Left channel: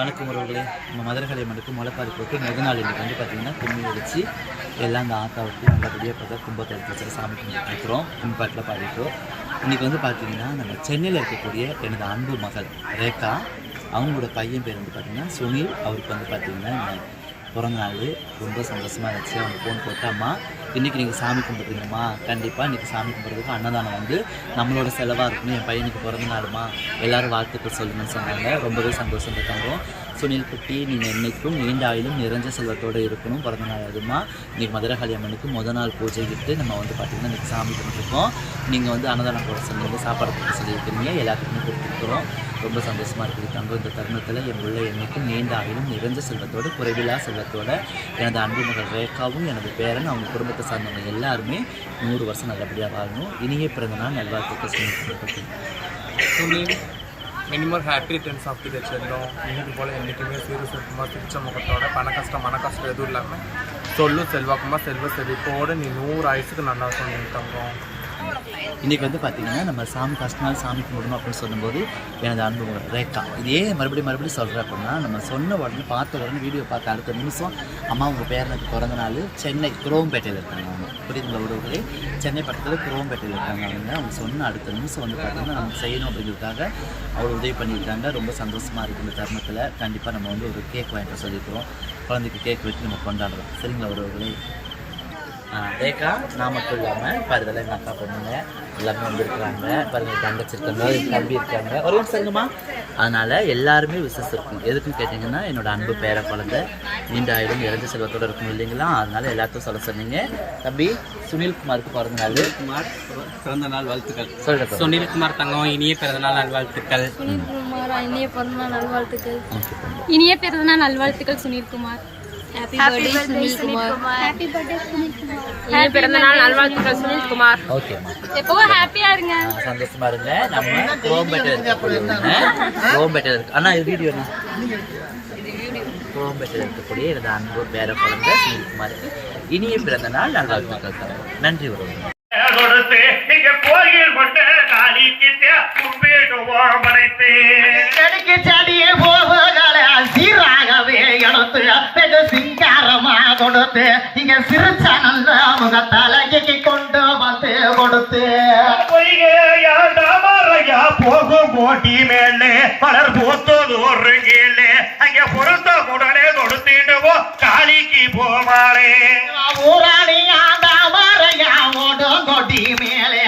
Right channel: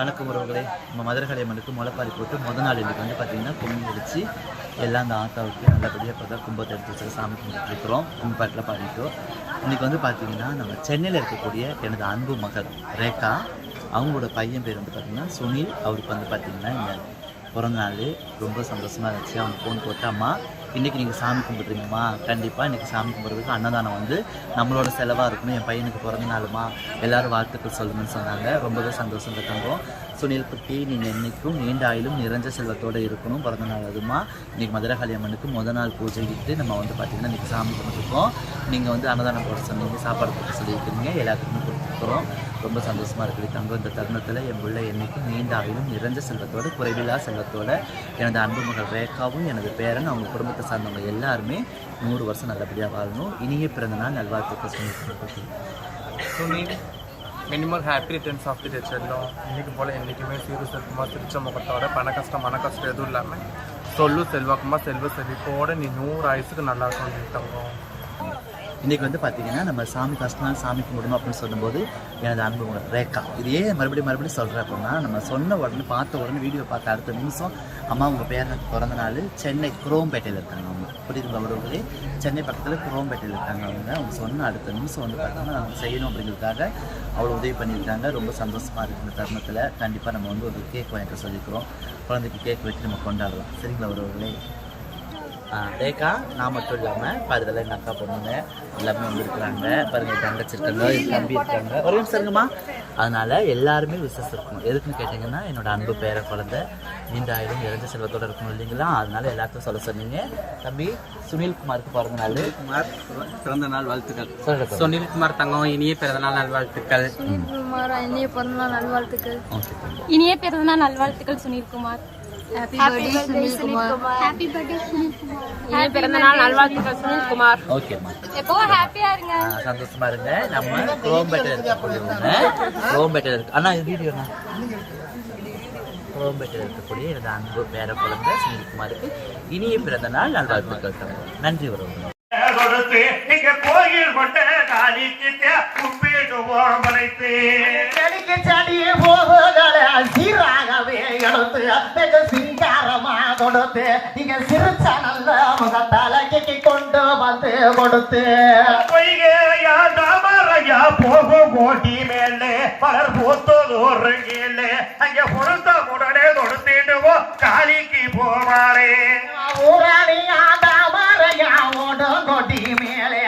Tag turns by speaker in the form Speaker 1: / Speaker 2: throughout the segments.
Speaker 1: வணக்கம் உறவுகளே. நம்ம மதுரகாளி அம்மனுக்கு முளைப்பாரி போட்டு முத நாள் இன்னைக்கு வந்து பார்த்திங்கன்னா கும்மி அடித்து எல்லாம் அந்த ஆத்தாவுக்கு நல்லபடியாக பார்த்தா கும்பத்தை எடுத்து வச்சு சாமி கும்பிட்டுருக்குறோம் கும்பாட்டில் கும்மி பாட்டில் பாடிட்டோம். இன்றைக்கி வந்து பார்த்திங்கன்னா நம்ம சென்னையில் இருக்கக்கூடிய எனது அன்பு மகள் ரேகா அவங்களோட பையன் பேர் வந்து பார்த்திங்கன்னா சுனில். அவருக்கு வந்து பார்த்திங்கன்னா இந்த பிறந்த நாள். ரொம்ப சந்தோஷமாக இருந்துச்சு. அவங்க ஃபோன் போட்டு அம்மா இன்றைக்கி நீங்கள் சாமி கும்பிட்றீங்கம்மா. கண்டிப்பாக இன்றைக்கி சாமி கும்பிட்றதுக்கு அன்னதானம் வந்து நம்மளோட செலவாக இருக்கணும். என் பையனுக்கு பிறந்த நாளுமா எல்லோரும் வாழ்த்துக்கள் சொல்லுங்கன்னு சொன்னாங்க. ரொம்பவே சந்தோஷம் தங்கம். சுனில் குட்டி நீங்கள் என்றைக்கும் நீண்ட ஆயிலும் நிறைஞ்ச செல்வத்தோடு இருக்கணும். பிறந்த நாள் அதுமா. இன்றைக்கி மதுரகாளி அம்மனுக்கு முத நாள் பூஜைக்கிட்டு நம்ம வந்து பார்த்திங்கன்னா இன்றைக்கி சாமி கும்பிட்ருக்கோம் நீங்கள் வந்து அன்னதானம் போட சொன்னீங்க சாப்பாடு போட்டு சொல்லியிருக்கிறீங்க எல்லாத்துக்குமே கொடுத்துருக்குறோம். ரொம்ப சந்தோஷமாக இருக்குது. தங்கம் இந்த தருணத்தில் என் பிள்ளை என்றைக்கும் நீண்ட ஆயிலும் நிறைஞ்ச செல்வத்தோடு குறைவில்லா செல்வத்தோட எனது அன்பு மகள் ரேகாவும் எனது பேரன் அவங்க குடும்பத்தை சார்ந்தவங்க எல்லாருமே நூறு வருஷம் நல்லபடியாக வாழணும். இனிய பிறந்த நாள் நல்வாழ்த்துக்கள் சொல்லி
Speaker 2: Sunil minimum happy returns of the செல்லும் இன்றைக்கு போல் என்றைக்குமே சீரு செல்வமாக சிரிச்ச முகத்தோட பண கஷ்டம் மன கஷ்டம் எதுவும் இல்லாமல் சொல்லு செல்வாக்குமா செல்வ செழிப்போட நீ நூறு ஆயுசுக்கு நல்லா சொன்னி தங்கம்.
Speaker 1: இன்றைக்கி வந்து பார்த்தீங்கன்னா நம்ம சாமி ஃபஸ்ட் நாள் சாமி கும்பிடணும் அப்படின்னு சொல்லும்போது எனது அன்பு ரேக்கா இதே மறுபடியும் மறுபடியும் சொல்கிறேன் அப்படின்னா நம்ம சொன்ன உடனே பார்த்த உடனே வீடியோ பார்த்த அடுத்த நிமிஷம் அம்மா உங்கள் பேரனுக்கு பிறந்த நாள் சென்னை குரோம்பேட்டையில் இருக்காங்க அவங்க. புரியுதுங்களா உறவுகளே? சென்னை பக்கத்தில் குரோம்பேட்டையில் இருக்காங்க அவங்க. அவங்க சொன்ன அடுத்த நிமிஷம் வந்து பார்த்திங்கன்னா நமக்கு செய்யணும் அப்படிங்கிறதுக்காக அவ்வளோ உதவி பண்ணியிருக்காங்க. ரொம்ப சந்தோஷமாக இருக்குது இந்த தருணத்தில். கண்டிப்பாக நம்ம வந்து ஒரு கேக் வாங்கிட்டு சொல்லியிருக்கிறோம். குழந்தைக்கு கேக் வெட்டி நம்ம கொண்டாடுறோம். சரிங்களா உறவுகளே? ரேகா நான் மட்டும் இல்லாமல் பாருதெல்லாம் எங்கள் அக்கா பொண்ணுங்க எல்லாமே வந்திருக்கிறாங்க. பாருங்க என் தங்கச்சி இருக்காங்க என் தம்பி இருக்காங்க. ஒரு நிமிஷம் இருங்கம்மா. அதனால எல்லாருமே விசஸ் இருக்கும். எதுக்குன்னு கேட்டிங்கன்னா என்னோட அன்பு பேர குழந்தை நீண்ட ஆயிரம் இறந்த செல்வத்தோட இருக்கும் இல்லைங்களா? அதனால எல்லாத்தையும் சொல்ல சொன்னீங்க. தம்பி சுனில்குமாருக்கு பிறந்த நாள்.
Speaker 2: குமார் பிறந்த நாள் வாழ்த்துக்கள்.
Speaker 1: சொல்லிட்டு
Speaker 2: சுனில்குமார் தங்கம் இனிய பிறந்த நாள் நல்வாழ்த்துக்கள்.
Speaker 3: சுனில்குமார் இனிய பிறந்தநாள் நல்வாழ்த்துக்கள்.
Speaker 1: ஓகே தம்பி.
Speaker 4: இனிய பிறந்தநாள் நல்வாழ்த்துக்கள் Sunilkumar.
Speaker 3: Happy birthday Sunilkumar
Speaker 4: happy birthday Sunilkumar
Speaker 5: இனிய பிறந்தநாள் நல்வாழ்த்துக்கள் சுனில்குமார்
Speaker 1: ஓகேம்மா
Speaker 4: எப்பவும் ஹாப்பியா இருங்க.
Speaker 1: ஆ, சந்தோஷமா இருங்க. நம்ம குரோம்பேட்டையில் இருக்கக்கூடியவங்க குரோம்பேட்டையில் இருக்கு அண்ணா இது வீடியோ குரோம்பேட்டையில் இருக்கக்கூடிய எனது அன்பு பேர குழந்தை சுனில்குமாருக்கு இனிய பிறந்த நாள் நல்வாழ்த்துக்கள் தருவோம் நன்றி
Speaker 6: இங்க கோயில் கொண்ட
Speaker 7: கொடுத்து இங்க சிரிச்ச நல்ல முகத்தலகைக்கு கொண்டு வந்து கொடுத்து.
Speaker 6: பொய்கையா போகும் போட்டி மேலே மலர் பூத்தது ஒரு கீழே அங்க பொருத்த உடனே கொடுத்துடுவோம் காளிக்கு போவாளே.
Speaker 7: ஊராணியா தாமரையா ஓடும் கொடி மேலே.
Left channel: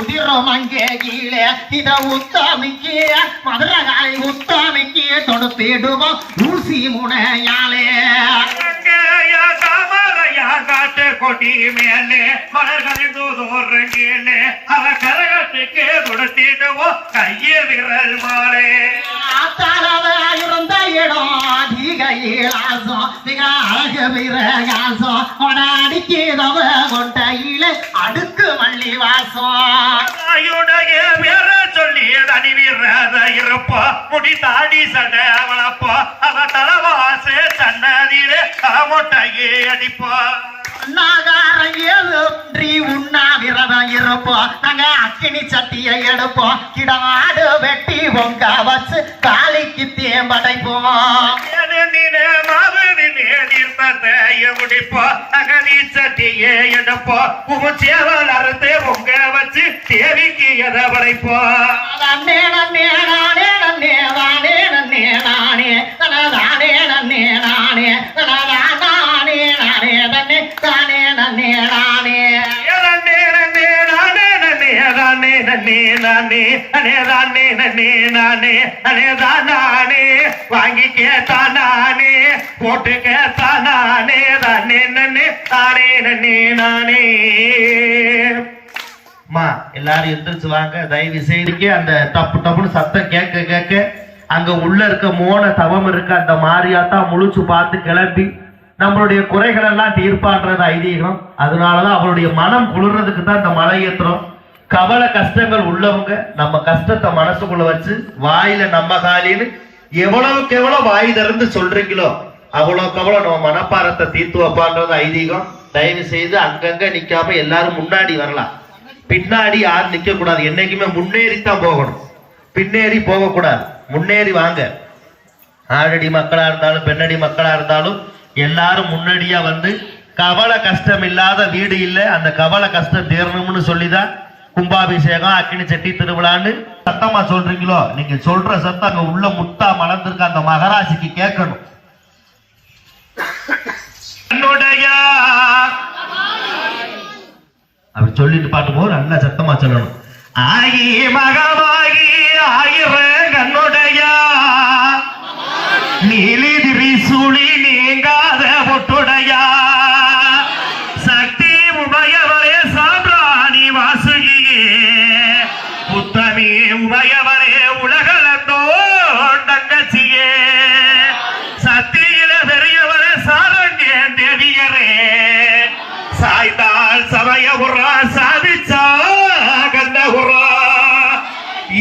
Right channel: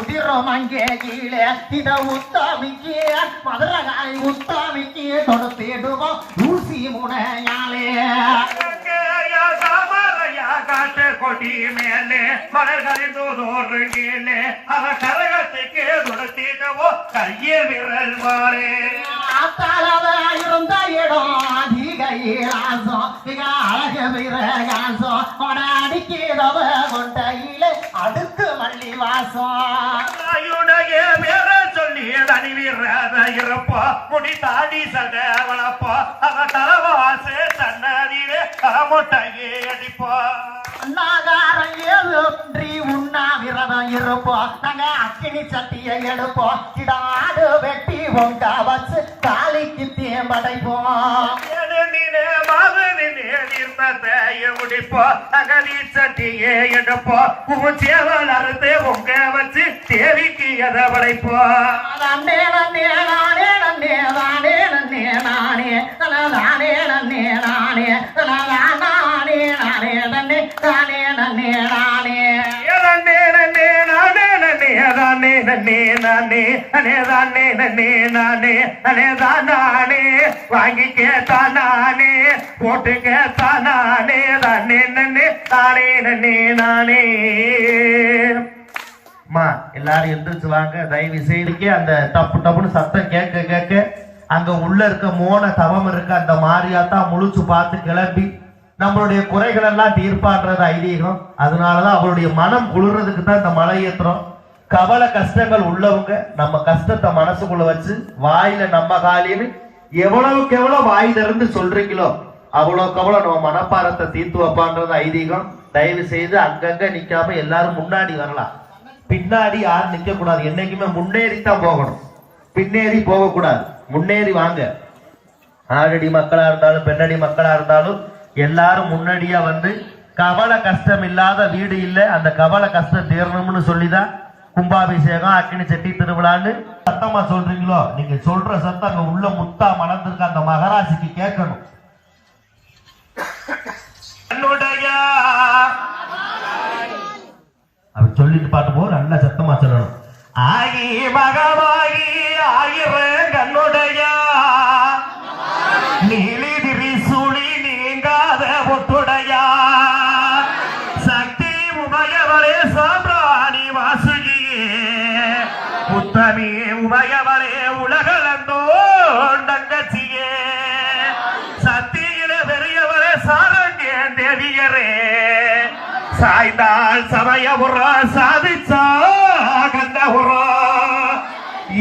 Speaker 7: உதிரும் அங்கே கீழே. இத உத்தாமிக்கு மதுரகாய் உத்தாமிக்கு கொடுத்திடுவோம் ஊசி முனையாலே.
Speaker 6: காட்டு கொடி மேலே மலர்கள் தூதோறு கீழே அவ கரகத்துக்கு கொடுத்திடுவோம் கையில் விரல்
Speaker 7: ஆத்தாளதா இருந்த இடம் அதிகையில் ஆசம் மிக அழகு விரகாசம் அடிக்கிறவ கொண்டையில அடுக்கு மல்லி வாசம்
Speaker 6: இருப்பா முடி தாடி சடை வளப்பா அவ தலவாச சன்னதியிலே முட்டையே அடிப்பா.
Speaker 7: நாகாரம் ஏழு உண்ணா விரதம் இருப்போம். நாங்க அக்கினி சட்டியை எடுப்போம். கிடாடு வெட்டி பொங்க வச்சு காளிக்கு தேம்படைப்போம்.
Speaker 6: ஏனெனிலே மாவனிலே தீர்த்தத்தைய முடிப்பா அகதி சட்டியே எடுப்பா உமுச்சேவல் வாங்கி கேட்டானே போட்டு கேட்டானே தானே நன்னே தானே நன்னே நானே
Speaker 8: அம்மா எல்லாரும் எந்திரிச்சு வாங்க தயவு செய்து அந்த டப்பு டப்புன்னு சத்தம் கேட்க கேட்க அங்க உள்ள இருக்க மோன தவம் இருக்க அந்த மாரியாத்தா முழிச்சு பார்த்து கிளம்பி நம்மளுடைய குறைகள் எல்லாம் தீர்ப்பான்றது ஐதீகம். அதனாலதான் அவளுடைய மனம் குளிர்றதுக்கு தான் இந்த மலை ஏத்துறோம். கவலை கஷ்டங்கள் உள்ளவங்க நம்ம கஷ்டத்தை மனசுக்குள்ள வச்சு வாயில நம்ம காலின்னு எவ்வளவுக்கு எவ்வளவு வாய் திறந்து சொல்றீங்களோ அவ்வளவுக்கு அவ்வளவு நம்ம மனப்பாரத்தை தீர்த்து வைப்பான்றது ஐதீகம். தயவு செய்து அங்கங்க நிக்காம எல்லாரும் முன்னாடி வரலாம். பின்னாடி யாரும் நிக்க கூடாது என்னைக்குமே முன்னேறி தான் போகணும். பின்னேறி போக கூடாது முன்னேறி வாங்க. ஆடடி மக்களா இருந்தாலும் பெண்ணடி மக்களா இருந்தாலும் எல்லாரும் முன்னாடியா வந்து கவலை கஷ்டம் இல்லாத வீடு இல்லை. அந்த கவலை கஷ்டம் தீரணும்னு சொல்லிதான் கும்பாபிஷேகம் அக்னி செட்டி திருவிழான்னு சத்தமா சொல்றீங்களோ? நீங்க சொல்ற சத்தம் அங்க உள்ள முத்தா மலர்ந்திருக்க அந்த மகராசிக்கு கேட்கணும். அப்படி சொல்லிட்டு பாட்டு போது நல்லா சத்தமா சொல்லணும்.
Speaker 6: ஆகி மகமாகி உமையவரே உலகளந்தோ தங்கச்சியே. சத்தியில பெரியவர சாரண்ய தேவியரே. சாய்ந்தால் சமய உரா சாதிச்சா கந்த உரா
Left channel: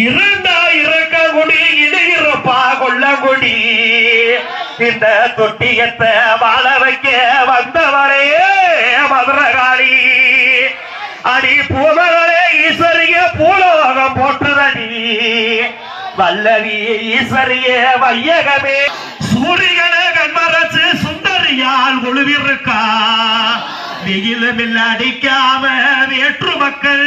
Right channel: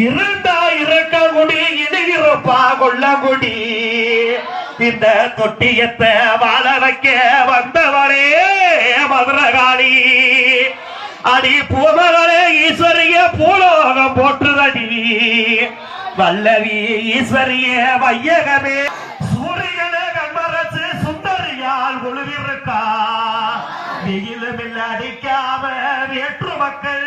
Speaker 6: இருந்தா இருக்க குடி இது இருப்பா கொள்ள குடி. இந்த தொட்டியத்தை வாழ வைக்க வந்தவரே மதுரகாளி அடி பூமலை வல்லவி ஈஸ்வரிய வையகமே. சூரியனே கண்மரச்சு சுந்தரியால் குழுவிருக்கா வெயிலும் இல்ல அடிக்காம வேற்று மக்கள்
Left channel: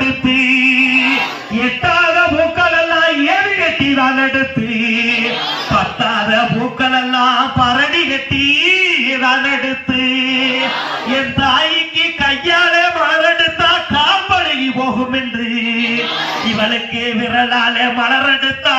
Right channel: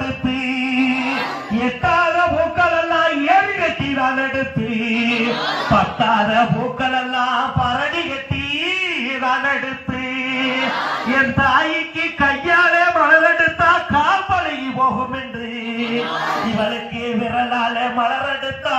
Speaker 6: புகடுத்து எட்டாத பூக்கள் எல்லாம் ஏறி கட்டி தான் எடுத்து பத்தாத பூக்கள் எல்லாம் பரடி கட்டி தான் எடுத்து என் தாய்க்கு கையாலே மலரெடுத்தா கால் பழகி போகும் என்று இவளுக்கு விரலாலே மலரெடுத்தா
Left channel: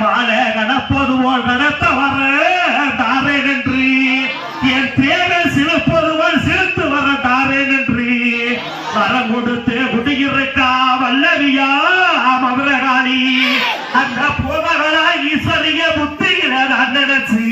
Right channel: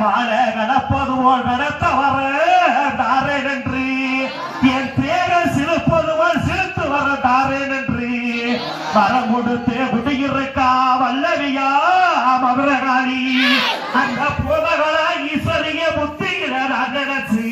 Speaker 6: மாலை கணப்பது போல் நடத்த வர தாரேன் என் தேவை சிலுப்பது போல் சிலுத்து வர தாரேன் என்று வரம் கொடுத்து குடியிருக்கா வல்லவியா மதுரகாளி. அந்த ஈஸ்வரிய புத்தியில நான் நினைச்சு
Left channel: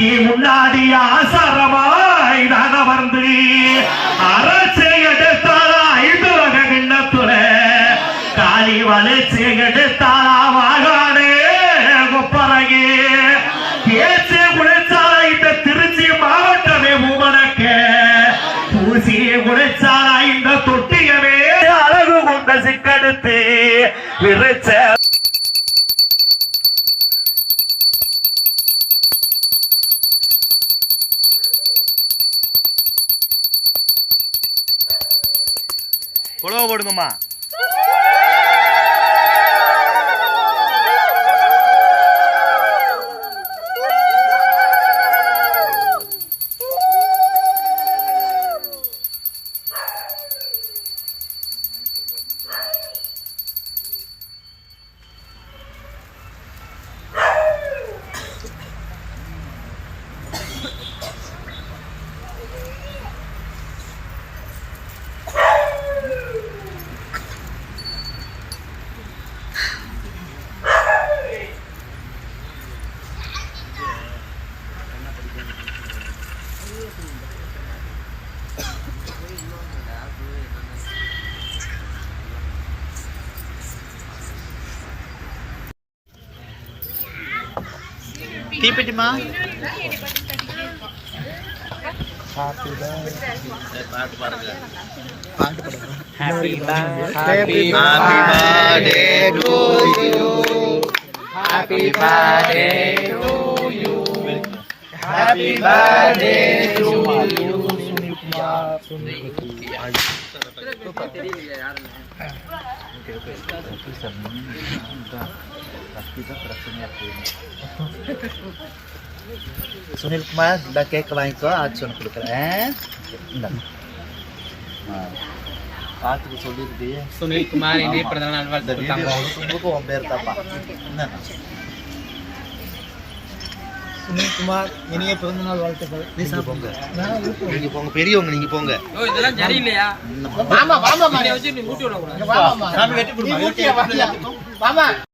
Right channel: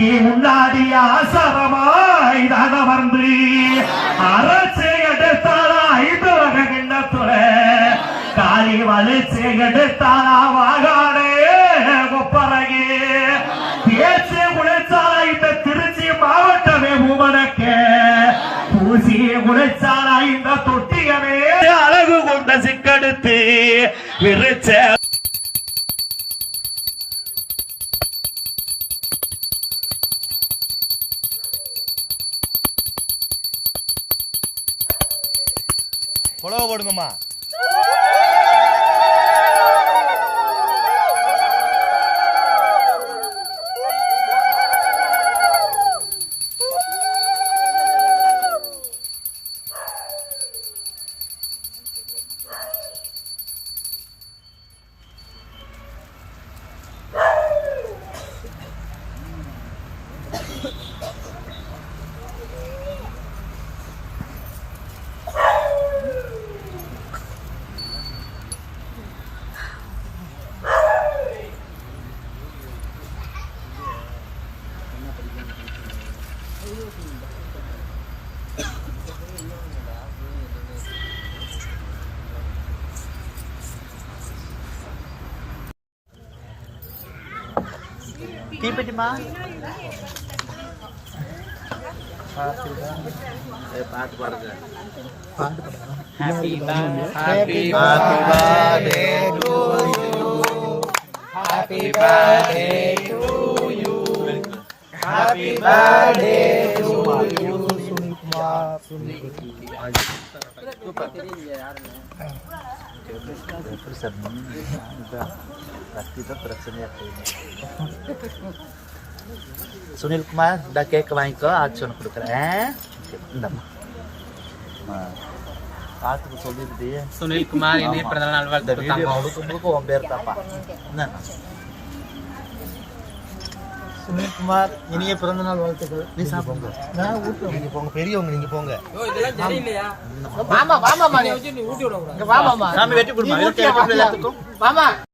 Speaker 6: முன்னாடி
Speaker 8: ஆசை తీపిటిమా
Speaker 1: தீப்பெட்டிமா சரி, பாட்டு பாடுங்க எப்படி சார் இதுதான் ரத்தி தான் பிரச்சனையா போயிடும் சுனில்குமார் இந்த கேக்க வாங்கிக்கோ ஆச்சு ஒன்று கொடுக்குறேன். பார்த்துக்கு சொல்லிருது
Speaker 9: சுனில்குமார் இனிய பிறந்த நாள் வாழ்த்து
Speaker 1: முழுக்க முழுக்க உன் பேர் தாப்பா
Speaker 10: சுனில்குமார் இனிய பிறந்தநாள் வாழ்த்துக்கள்
Speaker 1: நீ சாப்பிடுங்க
Speaker 8: நீங்க போங்க பெரியவங்க நீங்க போங்க
Speaker 9: இதெல்லாம் சரியில்லையா
Speaker 10: மாமா மாமா
Speaker 1: வெட்டி கொடுமா
Speaker 10: மாமா